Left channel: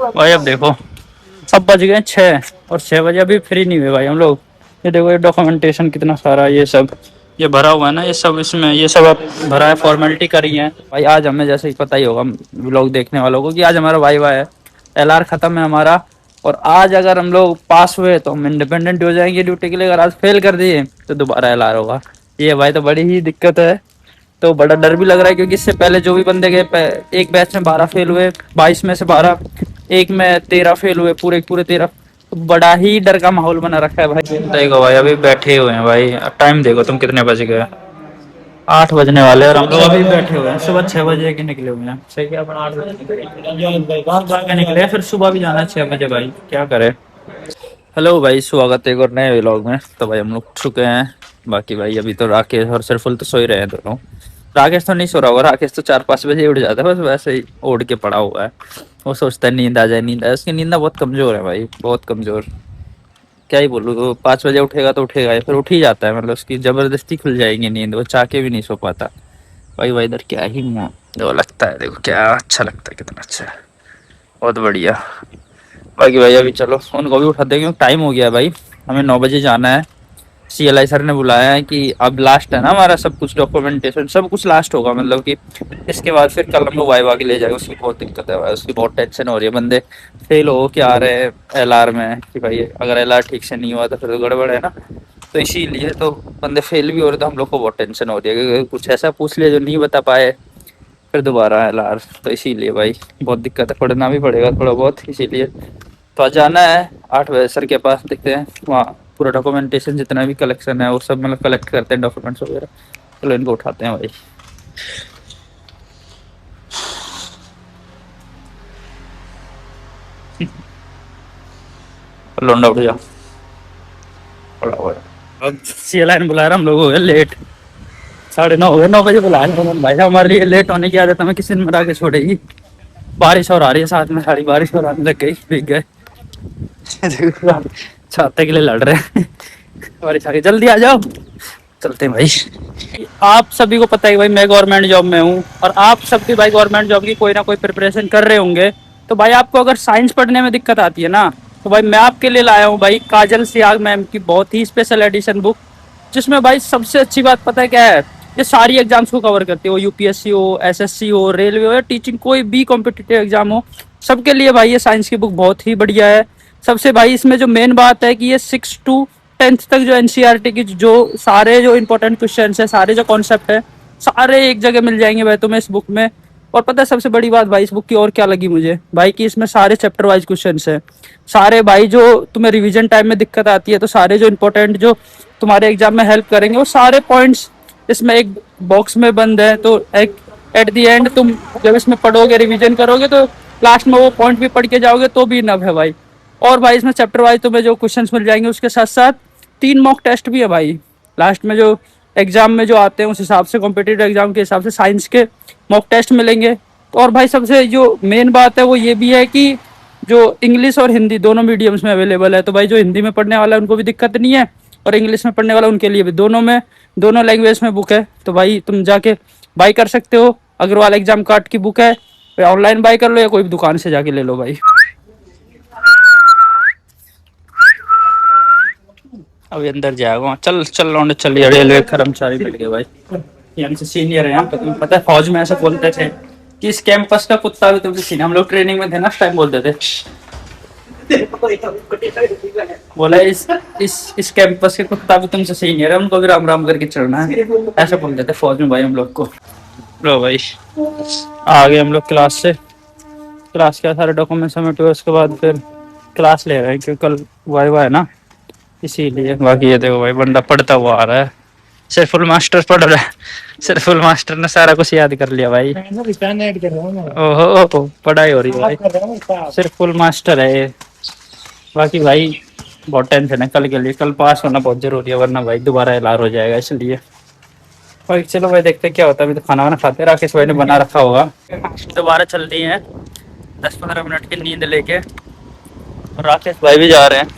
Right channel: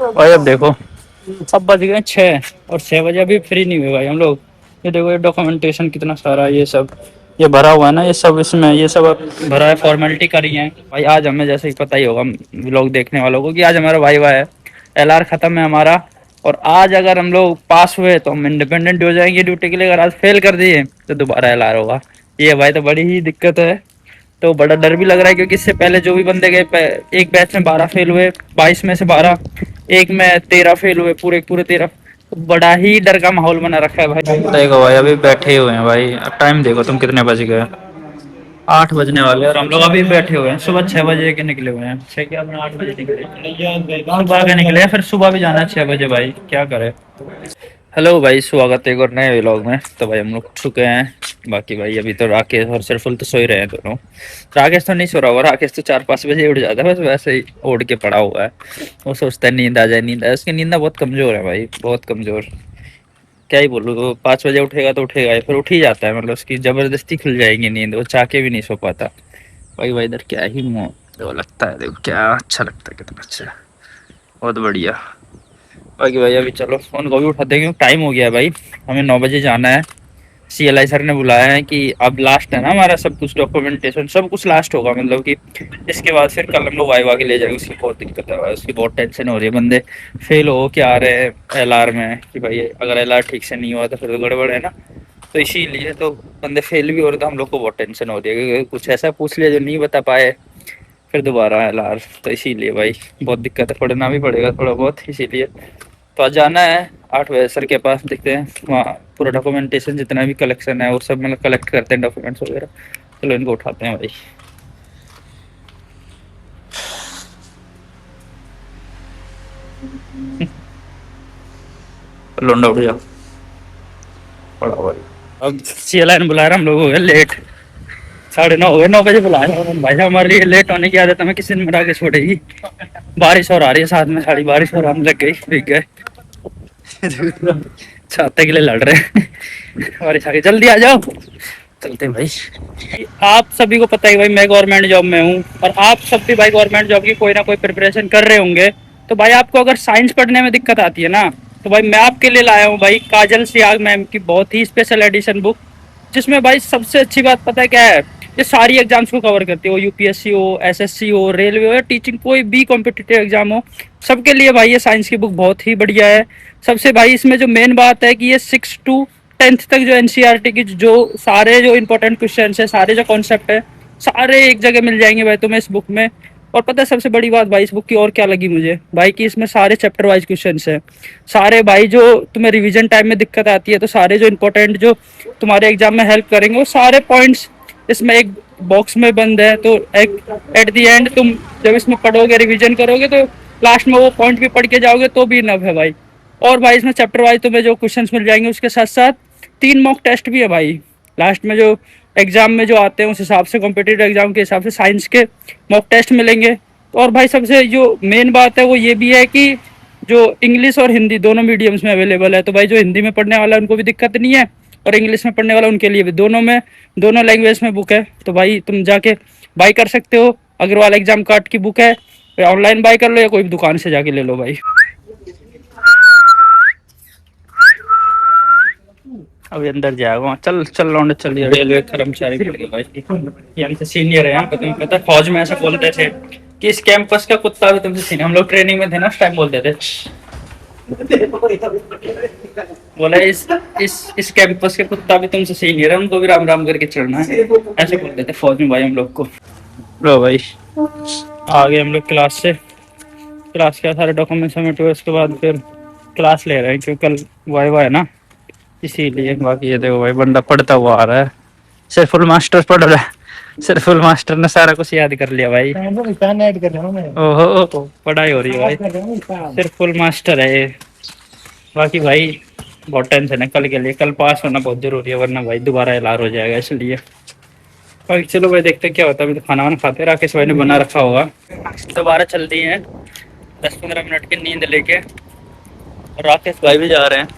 भाई अब देखो, अब बज गए 6 और 6 बजे अभी फ्री नहीं हुए भाई हम लोग। ये देखो, ये डॉक्यूमेंटेशन कितना सारा, ये सब ये भरा हुआ है ना, ये सब इसमें ये सब भरा है, फॉर्मेलिटी करी है भाई। आज हमें जैसे कि पता ही होगा लोग देखने वालों को कि आज हमारा वाइवा है, एलआर खत्म है हमारा। और आज अगर हम लोग पास हुए तो हम इंडिपेंडेंट हो जाएंगे ड्यूटी के लिए, अगर आज फेल कर दिए तो दोबारा एलआर होगा। ये भाई तो बड़ी ही दिक्कत है। तो बड़ा डर भी लग रहा है क्योंकि इससे पहले जो भी बंदे गए, एक बैच में 12 फेल हुए, 22 में से 12, एक में 13 फेल हुए, पूरे पूरे 13। तो बड़ा ही डर का माहौल बना रखा है भाई। देखो भाई अभी बैठे हुए हैं भाई, टाइम देखो तुम कितने बज गए, 8 बजने वाले हैं और हम लोग अभी बैठे हुए हैं। सुबह 6 बजे के निकले हुए हैं, 6 क्या, अपना 8 बजे निकले, सुबह के निकले, फिर सुबह भी जाना है 6 बजे भाई, क्या करें। हेलो भाई, स्वागत है एक और नए व्लॉग में। तो भाई हम लोग उठ चुके हैं। बाकी भाई अभी तो राकेश और सरफुल तो सो ही रहे हैं दोनों। राकेश तो नहीं सो रहा होगा, राकेश तो 4-5 बजे उठ जाता है, बस वैसे ही ओढ़ के पड़ा हुआ है। वो सोचता है नींद आ जाए, नींद आए, उसकी नींद बहुत कमजोर है भाई, बहुत कमजोर। क्या ही बोलूँ, वो 5 बजे उठेगा तो उठेगा ही, फिर उठ ही जाता है, मतलब उसकी जबरदस्ती खुल जाएगी नींद, वो चाह के भी नहीं सो पाता भाई। भाई इधर क्या ही वो लगता है, देखो क्या अच्छा लगता है, कितना अच्छा है, बहुत बढ़िया। बाकी भाई अभी चलो उनको भी उठाते हैं क्योंकि टाइम हो गया है भाई, हमें 9 बजे जाना है। सीएलआई सर ने बुलाया है कि अब लास्ट है ना हमारा सब कुछ, डॉक्यूमेंटेशन सब कुछ लास्ट होगा, मतलब कि इसके बाद फिर कल हम लोग वाइवा के ले जाएंगे। उसकी बहुत दिक्कत है भाई, उसकी बहुत टेंशन हो रही है। बंदे फेल हो के आ रहे हैं एलआर में कि भाई अगर एलआर ठीक से नहीं हुआ तो फिर तो गड़बड़ है ना। तो इसीलिए तो बंदे फेल भी हो रहे, तो हम लोग को बहुत टेंशन हो रही है क्योंकि कुछ ऐसा पूछ लिया जो नहीं बता पाए, फिर दोबारा एलआर। तो इसीलिए भाई बहुत दिक्कत है, पढ़ना भी पड़ेगा थोड़ा बहुत इसीलिए। तो आज जाना है 8 बजे सर के पास, देखते हैं वहाँ पूरा डॉक्यूमेंटेशन जितना भी कलेक्शन है और सब मतलब कलेक्ट करते हैं डॉक्यूमेंट्स वगैरह। चलो इनको उठाते हैं भाई। लोंडा उठ जा, पड़ा हुआ है। अब सीएलआई ने बुलाया, हम लोग हो गए लेट, 9:30 हो गए, 9 बजे बुलाया था उन्होंने। भाई साहब हमारे लिए लेट होने की आदत हमें किसी ने मरा के छोड़ेगी। बारिश और आ रही है साथ में, सारी बारिश और आने लग गई, भीग गए। छाते के लिए लड़ रहे हैं, बारिश आ गई, जल्दी आ जाओ, चलते हैं भाई। आप सभी को पता है भाई मैं गवर्नमेंट जॉब में हूँ, और आप सब भी भाई गवर्नमेंट जॉब की कोई ना कोई प्रिपरेशन कर रहे होंगे। तो भाई आपको अगर साइंस पढ़ने में दिक्कत आती है ना, तो भाई मैं आपके लिए लाया हूँ भाई काजल सियाग मैम की बहुत ही स्पेशल एडिशन बुक, जिसमें भाई सबसे अच्छी बात पता है क्या है, ये सारी एग्जाम्स को कवर करती है, वो यूपीएससी हो, एसएससी हो, रेलवे हो या टीचिंग, कोई भी कॉम्पिटिटिव एग्जाम हो, सबके लिए भाई ये साइंस की बुक बहुत ही बढ़िया है। सबसे भाई इसमें जो मेन बात है कि ये 6 to 10th तक जो एनसीईआरटी की जो सारे जो इंपॉर्टेंट क्वेश्चन है, सारे जो कॉन्सेप्ट है, सारे एक जगह मिल जाएंगे भाई तुम्हें इस बुक में। और पता है सबसे बड़ी बात भाई इस बुक की और क्या लगी मुझे भाई, कि इसमें सारे चैप्टर वाइज क्वेश्चन है, सारे भाई जो तुम्हें रिवीजन टाइम में दिक्कत आती है, तो सारे जो इंपॉर्टेंट जो तुम्हारे एग्जाम में हेल्प करेंगे वो सारे पॉइंट्स इसमें एक बॉक्स में बंद है। तो एक एट दी एंड तुम जब इसमें पढ़ोगे, रिवीजन करोगे, तो लास्ट में वो पॉइंट भी पढ़ के जाओगे तो भी इनफ है भाई। और भाई इसमें चैप्टर वाइज तुम्हें जो क्वेश्चंस मिल जाएंगे, उसके साथ साथ 3 मॉक टेस्ट भी है भाई लास्ट में, जो एग्जाम में जो आते हैं उस हिसाब से, कॉम्पिटिटिव एग्जाम के हिसाब से साइंस के मॉक टेस्ट मिलेंगे। तो और भाई सबसे जो मेन बात है वो ये भी है कि जो इंग्लिश और हिंदी दोनों मीडियम्स में अवेलेबल है। तो भाई जो हिंदी में पढ़ने वाला है उनको भी दिक्कत नहीं है, और इंग्लिश में पढ़ने वाला उनके लिए भी, दोनों में, दोनों लैंग्वेज में बुक है। तो भाई तुम जाके बाई कर सकते हो, अग्रवाल एग्जाम कार्ड की बुक है, ऑनलाइन बाई कर लो या कोई भी दुकान से जाके ले लो भाई। अभी अंदर जाएगा, चल चल लौंडे चलिए, रेलवे कर्मचारी मिल गए भाई, ये हमसे सीनियर है। हमको तुम्हें पता है फौज में ऐसा बोलते थे कि इस कैंपस का कुत्ता भी तुमसे सीनियर, हम लोग ट्रेनिंग में थे ना, उस टाइम बोलते थे, बोला इस कैंपस के कुत्ता भी तुमसे सीनियर है, उनको भी राम राम करके चढ़ना है, ऐसे बोलते थे फौज में भाई हम लोग को। लो भाई आ गए हम लोग क्लास से, क्लास के सारे डॉक्यूमेंट सबमिट हुए, उसके बाद फिर क्लास ले रहे हैं क्योंकि कल वाइवा है ना, इसीलिए। बाकी ये देखो भाई बंदा पढ़ता हुआ आ रहा है, सिर्फुल मास्टर पढ़ रहा है, सिर्फुल मास्टर ने सारा कुछ याद कर लिया भाई। ओहो पढ़ाई हो रही है भाई, सिर्फुल मास्टर है ये। बाकी भाई बहुत टेंशन है कल के लिए, कल पास होना बहुत जरूरी है, वरना भाई दोबारा एलार हो जाएगा, इसलिए भाई चलो भाई देखते हैं क्या होता है। अभी तो खाना वाना खाते हैं, राकेश भाई ने बना रखा होगा। दोबारा चल दिए हैं 10-15 मिनट की नींद लेके, और राकेश भाई भी जा रहे हैं।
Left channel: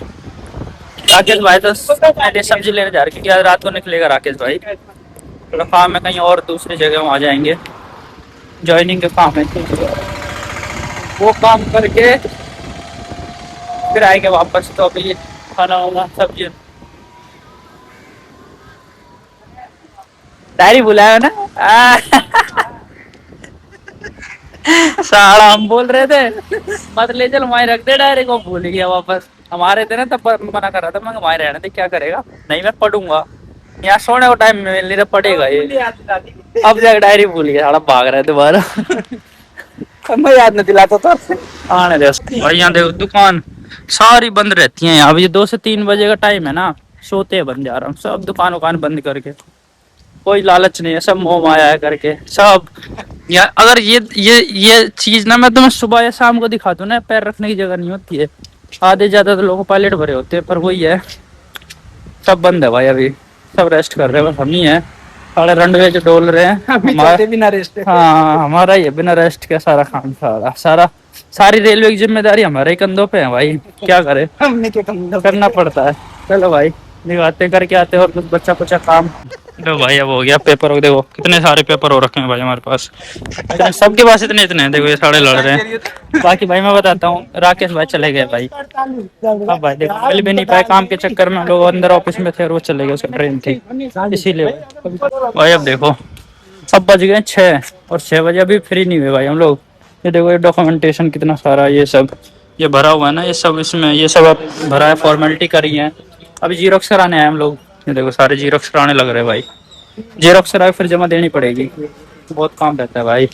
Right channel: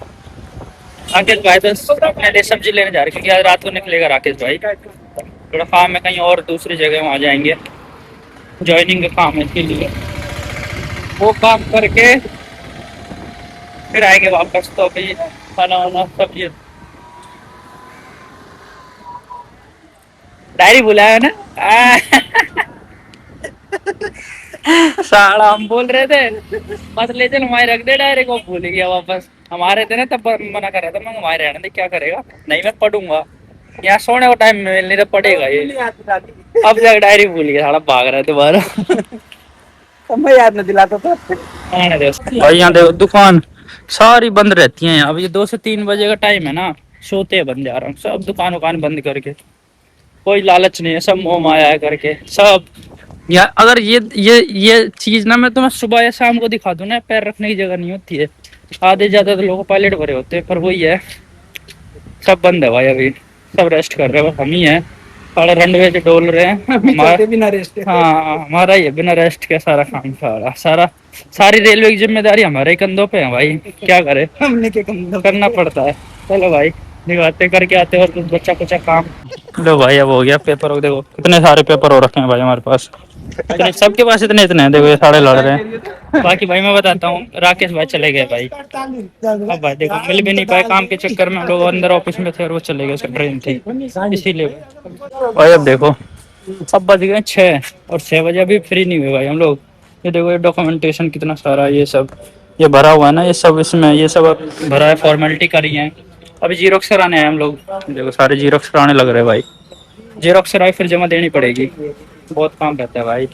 राकेश भाई तो पहले सब्जी लेने जा रहे हैं क्योंकि आज रात को निकलेगा राकेश भाई, थोड़ा काम है कहीं और दूसरी जगह, वहाँ जाएंगे, ज्वाइनिंग का काम है, इसके लिए वो काम करके फिर आएंगे वापस। तो अभी खाना वाना सब ये डायरी बुलाया ना। साला हम बोल रहे थे मत ले चल, वहीं रख दे डायरी को, भूल गया वापस। हमारे थे ना तब मना कर रहा था, मैं वहीं रहने दे, क्या करेगा, नहीं मैं पढ़ूंगा, यहाँ सोने को टाइम मिल नहीं तो पड़ेगा ये। अब जाकर डायरी भूल गया, साला भाग रहा है दोबारा। मैं याद नहीं दिलाता था आने दे उसको। भाई यहाँ देखो दुकान सारी बंद रहती है यहाँ, अभी 2 से 3 बजे का टाइम है ना, सोते हैं बंदे आराम, सब दुकान उकान बंद करके। कोई लालच नहीं है, सब मोह माया है करके सब। या अगर ये चीज ना मैं तुम्हें सुबह या शाम को दिखा दूं ना, पैर रखने की जगह नहीं होती है। आधे ज्यादा तो लोग पायलट भरे होते हैं, पर वही है, सब बंद है भाई अभी, सब रेस्ट कर रहे हैं, बस हम ही हैं सारे रनवे जो डोल रहे हैं। हमारा बिना रेस्ट, हाँ हमारा ही है बिना रेस्ट के सारा काम, सारा सारी रेलवे की जिम्मेदारी हमारे कंधों पे है भाई, क्या करे, हमने के कंधों करना पड़ता है। चलो भाई निभाते करके आते हैं, और कुछ बच्चा कुछ काम। लो भाई अब हो गया पेपर, देखो कितने सारे पेपर हो रखे हैं भाई हमारे पास, इतने सबके पास इतने इतने हैं, देखो ये सारे लड़ रहे हैं। बाकी भाई मैं बताता हूँ, राकेश भाई चले गए भाई, अब भाई देखो मिल भी नहीं पाए काम के चक्कर में, लोग अंदर ऑफिस में थे और वो चले गए, उसका ट्रेन थी इसीलिए। भाई अब देखो अब बज गए 6, और 6 बजे अभी फ्री नहीं हुए भाई हम लोग। ये देखो ये डॉक्यूमेंटेशन कितना सारा ये सब ये भरा हुआ है ना, ये सब इसमें ये सब भरा है, फॉर्मेलिटी करी है। अभी जीरोक्स कराने आए हम लोग, ये देखो सारे जीरोक्स कराने लग रहे हैं भाई, जीरोक्स कराए फिर जमा देनी पड़ेगी, बहुत काम रहता है भाई।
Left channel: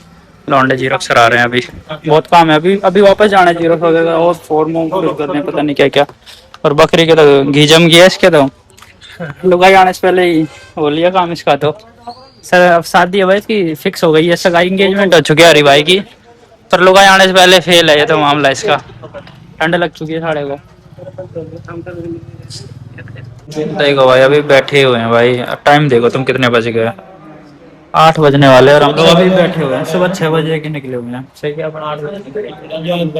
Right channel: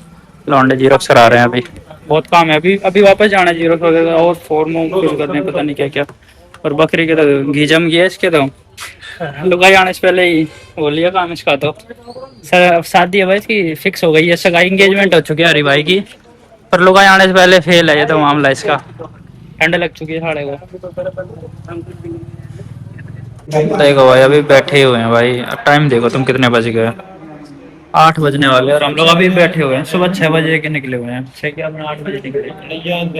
लौंडे जीरोक्स करा रहे हैं अभी, बहुत काम है अभी, अभी वापस जाना है जीरोक्स वगैरह और फॉर्म फिल करने पता नहीं क्या क्या। और बकरी के तो घी जम गया इसके, तो लुगाई आने से पहले ही हो लिया काम इसका तो। सर अब शादी है भाई इसकी फिक्स हो गई है, सगाई एंगेजमेंट हो चुकी है हरी भाई की, पर लुगाई आने से पहले फेल है ये तो मामला इसका। ठंड लग चुकी है साढ़े को। देखो भाई अभी बैठे हुए हैं भाई, टाइम देखो तुम कितने बज गए, 8 बजने वाले हैं और हम लोग अभी बैठे हुए हैं। सुबह 6 बजे के निकले हुए हैं, 6 क्या अपना 8 बजे निकले,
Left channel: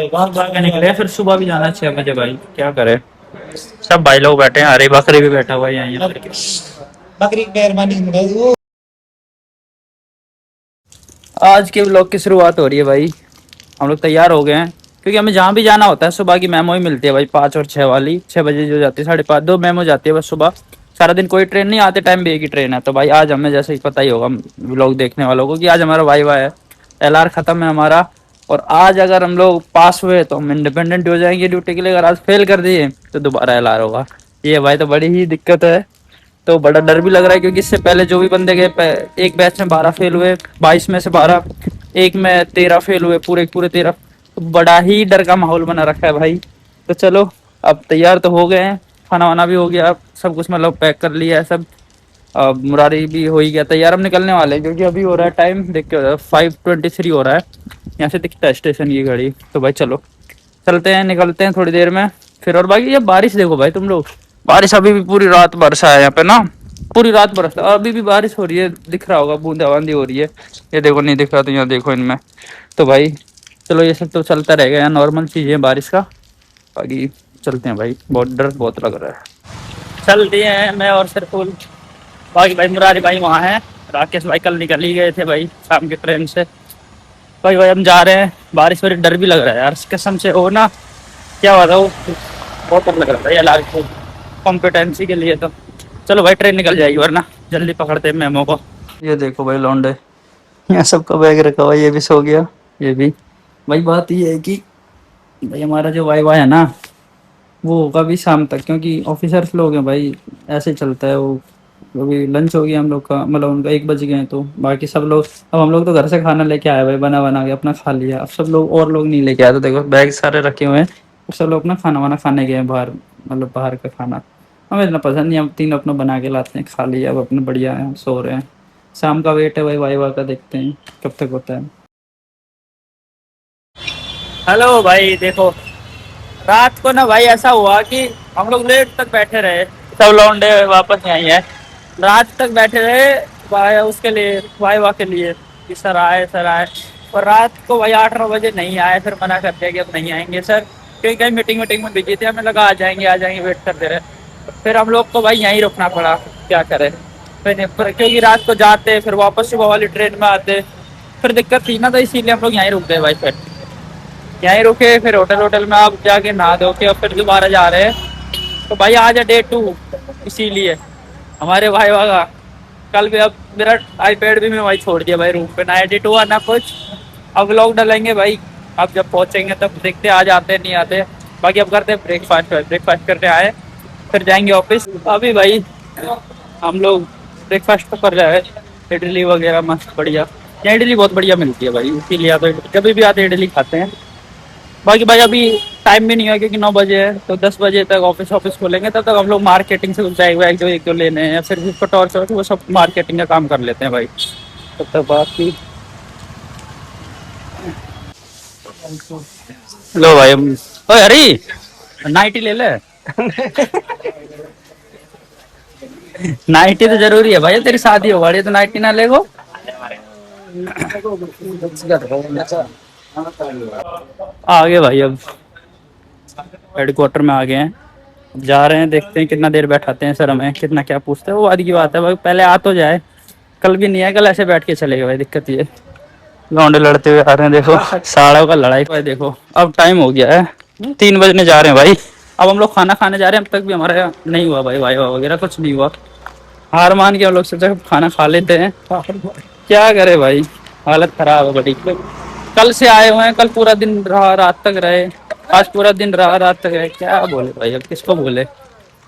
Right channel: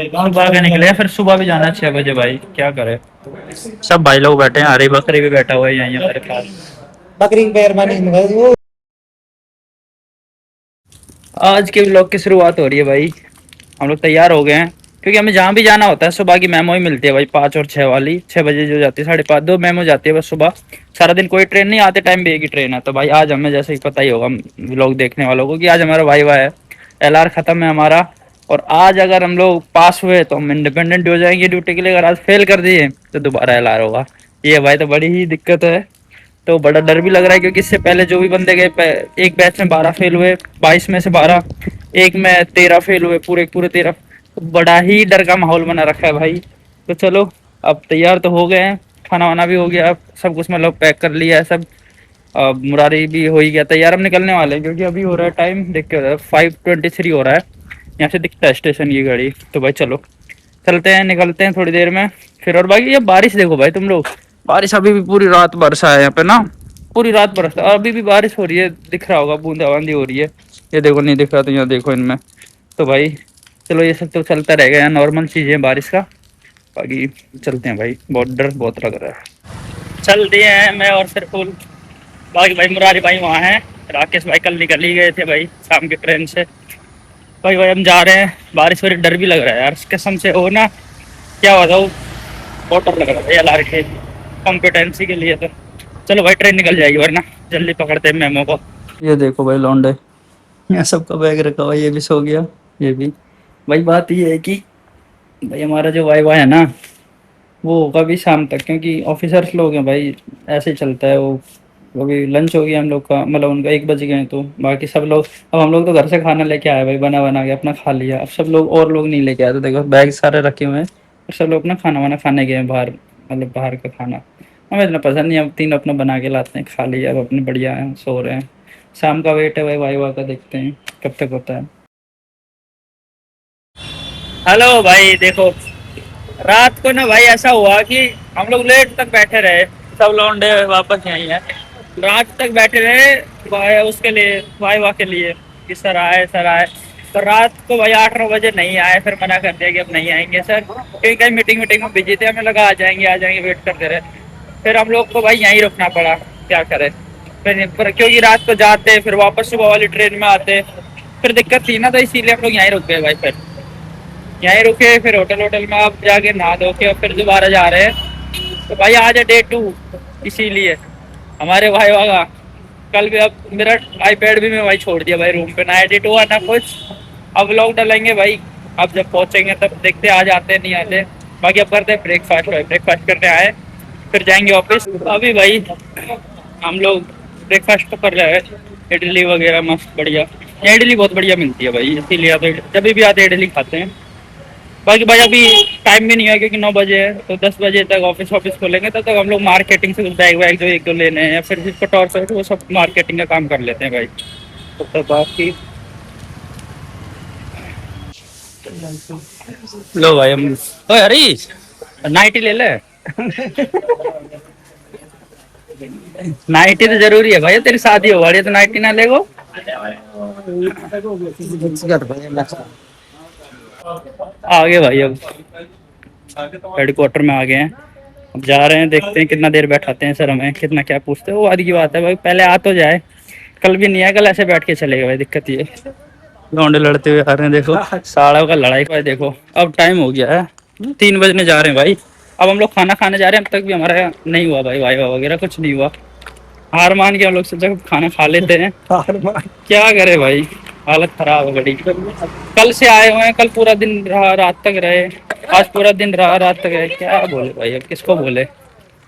सुबह के निकले हैं, फिर सुबह भी जाना है 6 बजे भाई, क्या करे। सब भाई लोग बैठे हैं, हरी बकरी भी बैठा हुआ है यहीं हमारे पास। बकरी के पैर मैंने आज के व्लॉग की शुरुआत हो रही है भाई, हम लोग तैयार हो गए हैं, क्योंकि हमें जहाँ भी जाना होता है सुबह की मेमो ही मिलती है भाई, 5 और 6 वाली। 6 बजे जो जाती है, 5:30 2 मेमो जाती है बस सुबह, सारा दिन कोई ट्रेन नहीं आते, टाइम भी एक ही ट्रेन है। तो भाई आज हमें जैसे कि पता ही होगा व्लॉग देखने वालों को कि आज हमारा वाइवा है, LR खत्म है हमारा, और आज अगर हम लोग पास हुए तो हम इंडिपेंडेंट हो जाएंगे ड्यूटी के लिए, अगर आज फेल कर दिए तो दोबारा LR होगा। ये भाई तो बड़ी ही दिक्कत है, तो बड़ा डर भी लग रहा है, क्योंकि इससे पहले जो भी बंदे गए एक बैच में 12 फेल हुए, 22 में से 12, एक में 13 फेल हुए, पूरे पूरे 13। तो बड़ा ही डर का माहौल बना रखा है भाई। तो चलो अब तैयार तो हो गए हैं, खाना वाना भी हो गया, सब कुछ मतलब पैक कर लिया है सब, अब मुरारी भी हो ही गया तैयार, हम निकलने वाले हैं, क्योंकि अभी हो रहा है टाइम देख के, हो रहा है 5:23 हो रहा है, यहाँ से दिखता है स्टेशन की घड़ी। तो भाई चलो चलते हैं, निकलते हैं थोड़ी देर में फिर। और बाकी ये बारिश देखो भाई तुम लोग, बारिश अभी भी पूरी रात बरसा है यहाँ पे ना, पूरी रात बरसता, अभी भी बारिश हो रही है, दिख रहा होगा बूंदाबांदी हो रही है, ये देखो नहीं दिख रहा तो यहाँ देखो इनमें। तो भाई चलो ये सब तो चलता रहेगा, यहाँ नॉर्मल चीज़ें बारिश का। बाकी चलते हैं भाई, बहुत डर बहुत लग रहा है। चल दिए हैं मैं और सिरफुल, बाकी भाई मुरारी भाई वहाँ हैं, राकेश भाई कल निकल ही गए थे भाई शाम की ट्रेन से। भाई हम जा रहे हैं, बारिश हो रही, डर भी लग रहा है यार कसम से, हो ना क्या बताऊँ, बहुत डर लग रहा था LR के कॉम्पिटेंसी के लिए। तो चलो भाई ट्रेन निकल जाएगी, वरना जल्दी पकड़ते हैं मेमो को। ये देखो भाई लौंडे, यहाँ सबका बैग रखा हुआ, ये भी सो गया, ये भी। भाई बात ये है कि भाई हमारा जो वाइवा है ना, वो होगा भी शाम तक, क्योंकि ऑफिसर्स लोग हैं भाई, ऐसे ही चलता है वो। अभी लंच हो गया हम लोग का, मतलब उनका 1 बज गए हैं, तो बाकी सब लोग, अब हम लोग तो घर से खाना लेके आए भाई, बना बना के अपना खा लिया। अब सब लोग और लोग नहीं लेके आए, तो देखो बैग सारे रखे हुए हैं, और सब लोग अपना खाना वाना खाने गए हैं बाहर, मतलब बाहर का खाना हमें इतना पसंद नहीं, हम 3 अपना बना के लाते हैं, खा लिया, अब अपने बढ़िया हैं, सो रहे हैं। शाम का वेट है भाई वाइवा का, देखते हैं कब तक होता है। हेलो भाई देखो, रात को ना भाई ऐसा हुआ कि हम लोग लेट तक बैठे रहे, सब लौंडे वापस आई हैं, रात तक बैठे रहे उसके लिए, वाइवा के लिए, कि सर आए सर आए। पर रात को भाई 8-9 बजे नहीं आए, फिर मना कर दिया कि अब नहीं आएंगे सर, क्योंकि कहीं मीटिंग में बिजी थे, हमें लगा आ जाएंगे वेट करते रहे। फिर हम लोग को भाई यहीं रुकना पड़ा, क्या करें फिर क्योंकि रात को जाते फिर वापस सुबह वाली ट्रेन में आते, फिर दिक्कत थी ना, तो इसीलिए हम लोग यहीं रुक गए भाई फिर। यहीं रुके, फिर होटल होटल में आप जाके नहा धो के और फिर दोबारा जा रहे हैं। तो भाई आज है डे 2, इसीलिए हमारे भाई वागा कल भी। अब मेरा आईपैड भी मैं वही छोड़ दिया भाई रूम पे, ना एडिट हुआ ना कुछ। अब व्लॉग डालेंगे भाई, अब जब पहुंचेंगे तब देखते आज आते नहीं आते। बाकी अब करते हैं ब्रेकफास्ट, भाई ब्रेकफास्ट करने आए फिर जाएंगे ऑफिस। अभी भाई हम लोग ब्रेकफास्ट तो कर रहे हैं, इडली वगैरह मस्त बढ़िया। यहाँ इडली बहुत बढ़िया मिलती है भाई, इसीलिए तो जब भी आते इडली खाते हैं। बाकी भाई अभी टाइम भी नहीं है क्योंकि 9 बजे है, तो 10 बजे तक ऑफिस ऑफिस खोलेंगे, तब तक हम लोग मार्केटिंग से कुछ बैग वैग जो एक दो लेने हैं या फिर जिसको टॉर्च हो वो सब मार्केटिंग का काम कर लेते हैं भाई। तब तक बाकी लो भाई हम, ओए हरी नाइटी ले ले। नाइटी तो जरूरी है भाई, तेरी शादी हो रही है तो नाइटी ना लेगो। आ गए भाई, अब हेडक्वार्टर में आ गए हैं। अब जा रहे हैं, देखते हैं कितना देर बैठाते हैं सर, हमें कितना क्या पूछते हैं वो आदि की बात है भाई, पहले आ तो जाए। कल भी नहीं है, कल ऐसे बैठ के चलेगा भाई, दिक्कत ये है। लौंडे लड़ते हुए आ रहे हैं देखो, साड़ों का लड़ाई भाई देखो। अब टाइम हो गया है, 3 बजने जा रहे हैं भाई। अब हम लोग खाना खाने जा रहे हैं, अब तक भी हमारा नहीं हुआ भाई, वाइवा वगैरह कुछ नहीं हुआ। हार मान के हम लोग सोचा खाना खा लेते हैं, क्या करे भाई, हालत खराब है बड़ी। कल से आए हुए हैं, कल पूरा दिन रहा, रात तक रहे। आज पूरा दिन रहा, रात तक रहे, क्या बोले भाई, अब किसको बोले।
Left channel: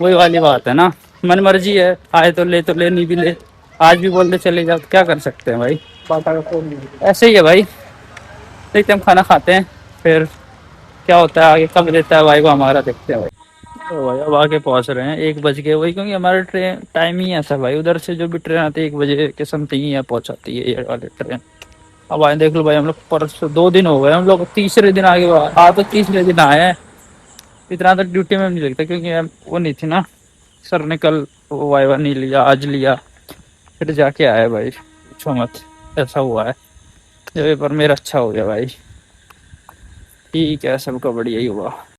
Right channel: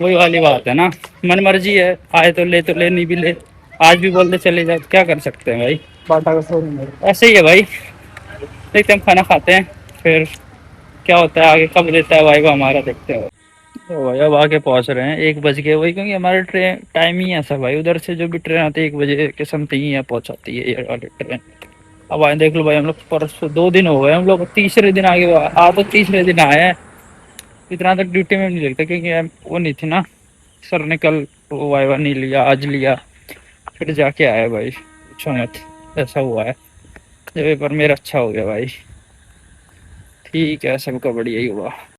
वही वाली बात है ना, मन मर्जी है, आए तो ले नहीं भी ले। आज भी बोलते चले जाओ, तो क्या कर सकते हैं भाई, ऐसे ही है भाई। देखते हैं, हम खाना खाते हैं फिर क्या होता है आगे, कब देता है भाई को हमारा, देखते हैं भाई। तो भाई अब आके पहुंच रहे हैं, 1 बज गए वही, क्योंकि हमारा ट्रेन टाइम ही ऐसा भाई, उधर से जो भी ट्रेन आती है 1 बजे के समथिंग ही यहाँ पहुंचाती है ये वाली ट्रेन। अब आए देख लो भाई, हम लोग परसों 2 दिन हो गए, हम लोग तीसरे दिन आगे आ तो तीसरे दिन आए हैं। इतना तक ड्यूटी में नहीं लगता क्योंकि वो नहीं थी ना, सर ने कल वो वाइवा नहीं लिया, आज लिया, फिर जाके आए भाई। पूछो मत, ऐसा हुआ है। जो पेपर मेरा अच्छा हो गया भाई, ठीक है, सबका बढ़िया ही हुआ।